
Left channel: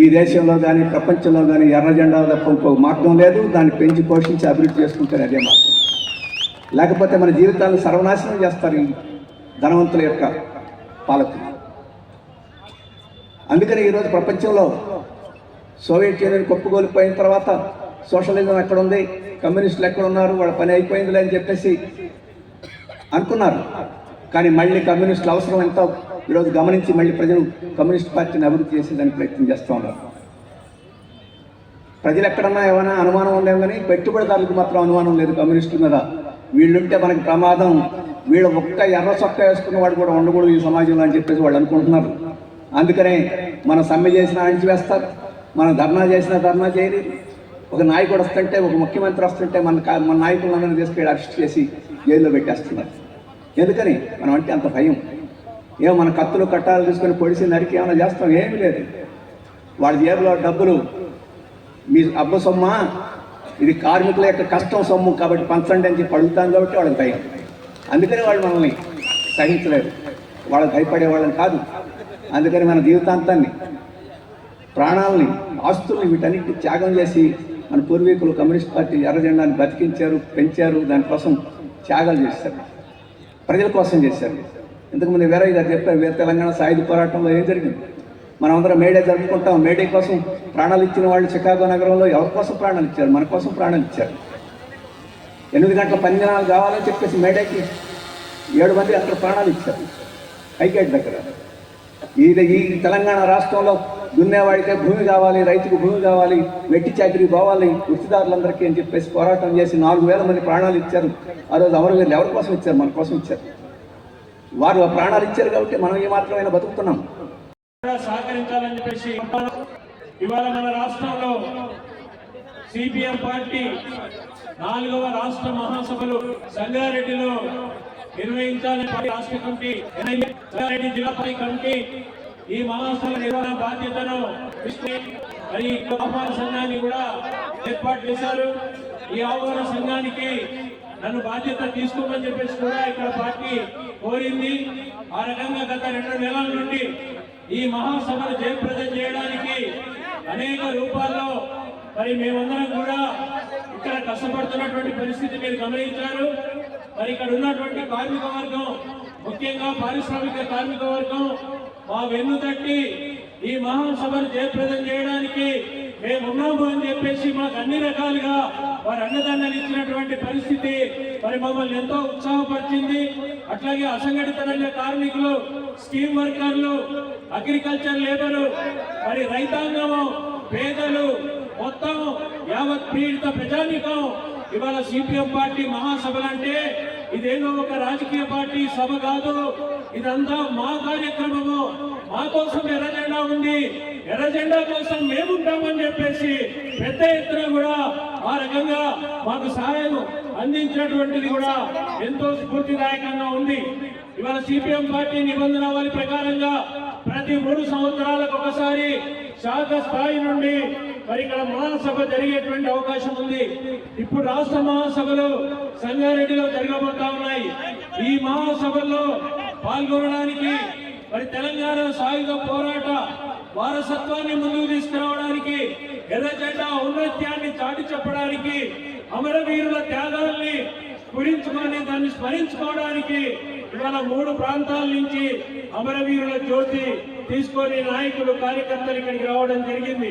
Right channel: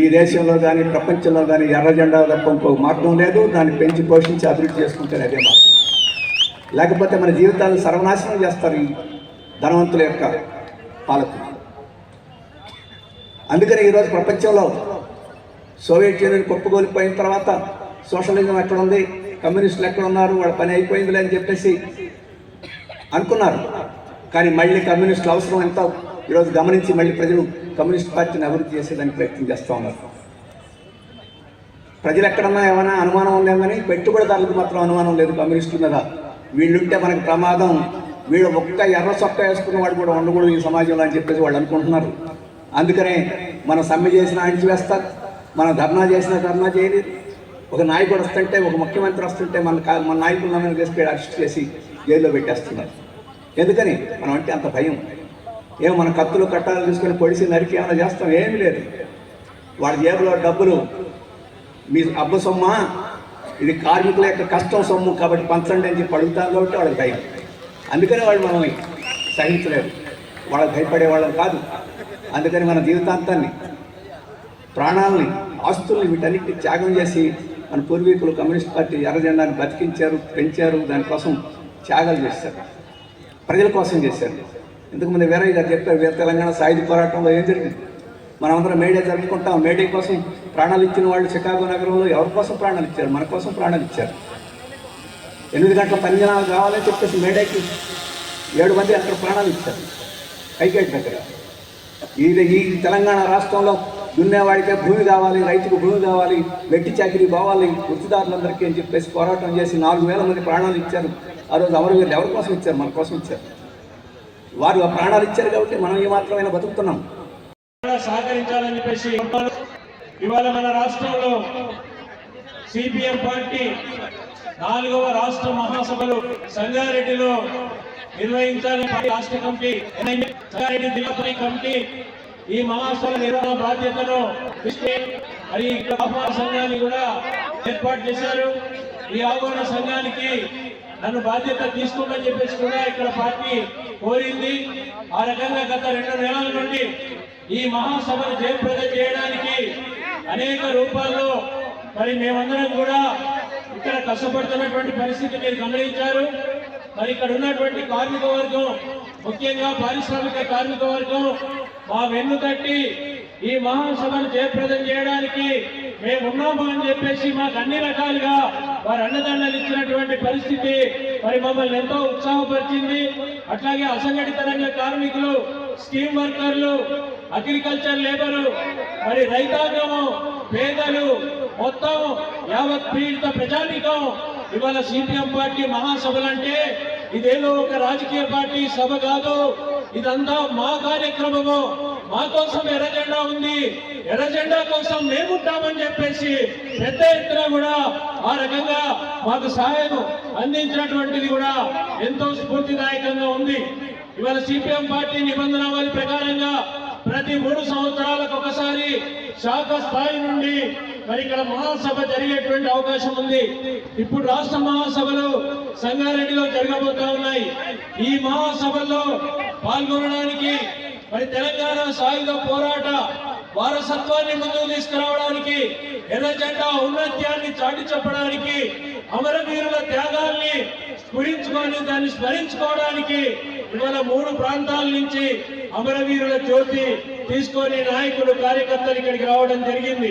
ఈ దేశంలో కానీ ప్రపంచంలో కానీ ఎర్ర జెండా తప్ప ఇంకో మార్గం లేదు. దాన్ని పెంచి పోషించి అభివృద్ధి చేసుకుంటే అదే మార్గం. లేకపోతే మన జీవితాన్ని సర్వనాశనం చేస్తారు ఈ ధనవంతుల యొక్క పాలకులు. అందుకని ఈరోజు ప్రపంచంలో సోవియట్ యూనియన్ కొప్పుకోలిపోయిన తర్వాత సోషలిజం ఎక్కడ ఉంది, కమ్యూనిస్టులు ఎక్కడ ఉన్నారు, వాళ్ళ పని అయిపోయిందిలే అని చెప్పేసి అనుకున్నారు. కానీ మళ్ళీ కమ్యూనిస్టుల అవసరం ఎంతో ఈరోజు గమనించి మళ్ళీ ప్రజలు కమ్యూనిస్ట్ పార్టీని అభివృద్ధి చేసేదానికి ప్రయత్నం చేస్తూ ఉన్నారు. ప్రజలు ఎక్కడన్నా ఏమైనా అనుమానం ఉందేమో కానీ పెట్టుబడిదారులకు మాత్రం అనుమానం లేదు కమ్యూనిస్టుల మీద. వీళ్ళుంటే మనకి ప్రమాదం, వీళ్ళు ఒక్క ఎర్ర చొక్కా వేసుకున్న వాడు కూడా ఉండకూడదు ఈ సమాజంలో అని చెప్పేసి వాళ్ళు అనుకుంటున్నారు. అందుకనే మన సమ్మె చేసినా అణిచివేస్తారు, మన ధర్నా చేసినా ధర్నా చేయలేదు. ఒక నాయకుడు వస్తుంటే, ఒక ముఖ్యమంత్రి వస్తుంటే మన నాయకులను తీసుకెళ్ళి అరెస్ట్ చేసి జైల్లో పెట్టేస్తున్నారు. ఎందుకని? మనం అంటే అంత భయం. ఏమో మన కత్తులు కట్టాలు తీసుకొని పొడిసి నరికి ఏమైనా చేస్తాం? ఏమీ లేదు. వాళ్ళ జేబులో డబ్బులు మీ అబ్బ సొమ్మ, ఇది కార్మికుల యొక్క కష్టం సొమ్ము కాబట్టి పంచండి అని చెప్పి అడుగుతాం కాబట్టి వాళ్ళకి భయం. అందుకని వాళ్ళు మనల్ని సహించలేరు. వాళ్ళకి భయపడే వాళ్ళని కాదు. అందుకని మన జీవితాంతాన్ని, ప్రాణాలని, ఆస్తుల్ని వీటన్నిటిని త్యాగం చేసి మన పూర్వీకులు కమ్యూనిస్ట్ పార్టీ ఎర్ర జెండాను బతికించారు, పెంచారు. దానికోసం త్యాగాలు చేశారు, ప్రజల కోసం చేశారు. ఇంతకుముందు వీరయ్య గారు చెప్పారు, వీర తెలంగాణ సాయుధ పోరాటంలో ఏం జరిగింది. మనమందరం మేడే జరుపుకుంటాం. మేడే కోసం ప్రాణాలు ఇచ్చిన వాళ్ళు చికాగో నగరంలో ఎవరి కోసం ప్రాణాలు ఇచ్చారు? మన కోసం ప్రాణాలు ఇచ్చారు. 8 గంటల పనిదినాలు కావాలని చెప్పేసి మేడేకి 7 మంది అక్కడ ప్రాణాలు ఇచ్చారు హైగేట్ దగ్గర. ఈ తెలంగాణ రాష్ట్రంలో దున్నేవాడితే భూమి కావాలి, రైతుకు భూమి కావాలి, వెట్టి చాకిరీ పోవాలి వృత్తిదారులందరికీ అని చెప్పేసి పోరాటం చేసి 4,000 మంది ప్రాణాలు ఇచ్చారు. ఆ రోజు అమరవీరులు ఎవరి కోసం ఇచ్చారు? మన కోసం ఇచ్చారు. వారు ఆ ప్రాణాలు ఇచ్చారు కాబట్టి మనం ఏమాత్రమైనా బతుకుతున్నాం. సహకరించాలని చెప్పేసి ఇవాళ మన రాష్ట్రంలో సిపిఎం పార్టీ 4వ రాష్ట్ర మహాసభలు సంగారెడ్డిలో నిర్వహించాలని రాష్ట్ర కమిటీ, సంగారెడ్డి జిల్లా కమిటీ ఈ మహాసభల నిర్వహణ బాధ్యతను మరి ఆహ్వాన సంఘాన్ని కూడా ఏర్పాటు చేశారు. ఈ ఆహ్వాన సంఘానికి నన్ను బాధ్యత తీసుకోమని చెప్పేసి కూడా ఇక్కడ పార్టీ కోరింది. ఆ రకంగా గత 2 నెలల నుండి ఈ మహాసభను జయప్రదం చేయడానికి అనేక రూపాల్లో మరి మేమందరం కూడా ఇక్కడ కష్టపడుతున్నటువంటి పరిస్థితి మీరు గమనించారు. మరి ఇక్కడ ఉన్నటువంటి కార్మిక వర్గం, ముఖ్యంగా పారిశ్రామిక కార్మిక వర్గం మా వెన్ను తట్టి ఈ మహాసభను జయప్రదం చేయడానికి మేమున్నాము అని చెప్పేసి మాకు అన్ని రకాలుగా వారు అండదండలు ఇచ్చినటువంటి పరిస్థితి మరి మమ్మల్ని ఎంతో ఉత్సాహపరిచింది. అట్లాగే అసంఘటిత రంగ కార్మికులు, స్కీమ్ వర్కర్లు, అగ్రికల్చర్ లేబరు, మరి రైతాంగము, పేదలు, మొత్తం యావత్ పీడిత ప్రజానీకం ఇవాళ సిపిఎం పార్టీ మహాసభలంటే ఇదేదో ఒక రాజకీయ పార్టీ సభ కాదు. ఇదంతా మా కార్యక్రమము. మా కోసం ఎర్రజెండా ఉంది, ఎర్రజెండా కోసం మేముంటామని చెప్పేసి పెద్ద ఎత్తున కూడా ఆ రకంగా మాకు సహాయం అందించినటువంటిది కూడా ఎంతో స్ఫూర్తిదాయకంగా ఉంది. ఇవాళ సిపిఎం పార్టీ నిబంధనావళి ప్రకారంగా ప్రతి 3 సంవత్సరాలకు ఒకసారి శాఖ స్థాయి నుండి మరి ఇక్కడ మహాసభ జరిగేటువంటి అవకాశం ఉంది. ఇప్పుడు రాష్ట్ర మహాసభలు సంగారెడ్డిలో జరగబోతా ఉన్నాయి. ఈ మహాసభల్లో పాల్గొనడానికి మరి తెలంగాణ సాయుధ పోరాట వారసత్వాన్ని ముందుకు తీసుకురావడానికి, ఎర్రజెండా ఔన్నత్యాన్ని చాటి చెప్పడానికి, అమరవీరుల త్యాగాల్ని స్ఫురించుకొని దాన్ని స్మరించుకోవడానికి ఇవాళ 3 ప్రాంతాల నుంచి అమరవీరుల జ్యోతి తీసుకొని నాయకులు, కార్యకర్తలు ఇక్కడికి రావడం జరిగింది.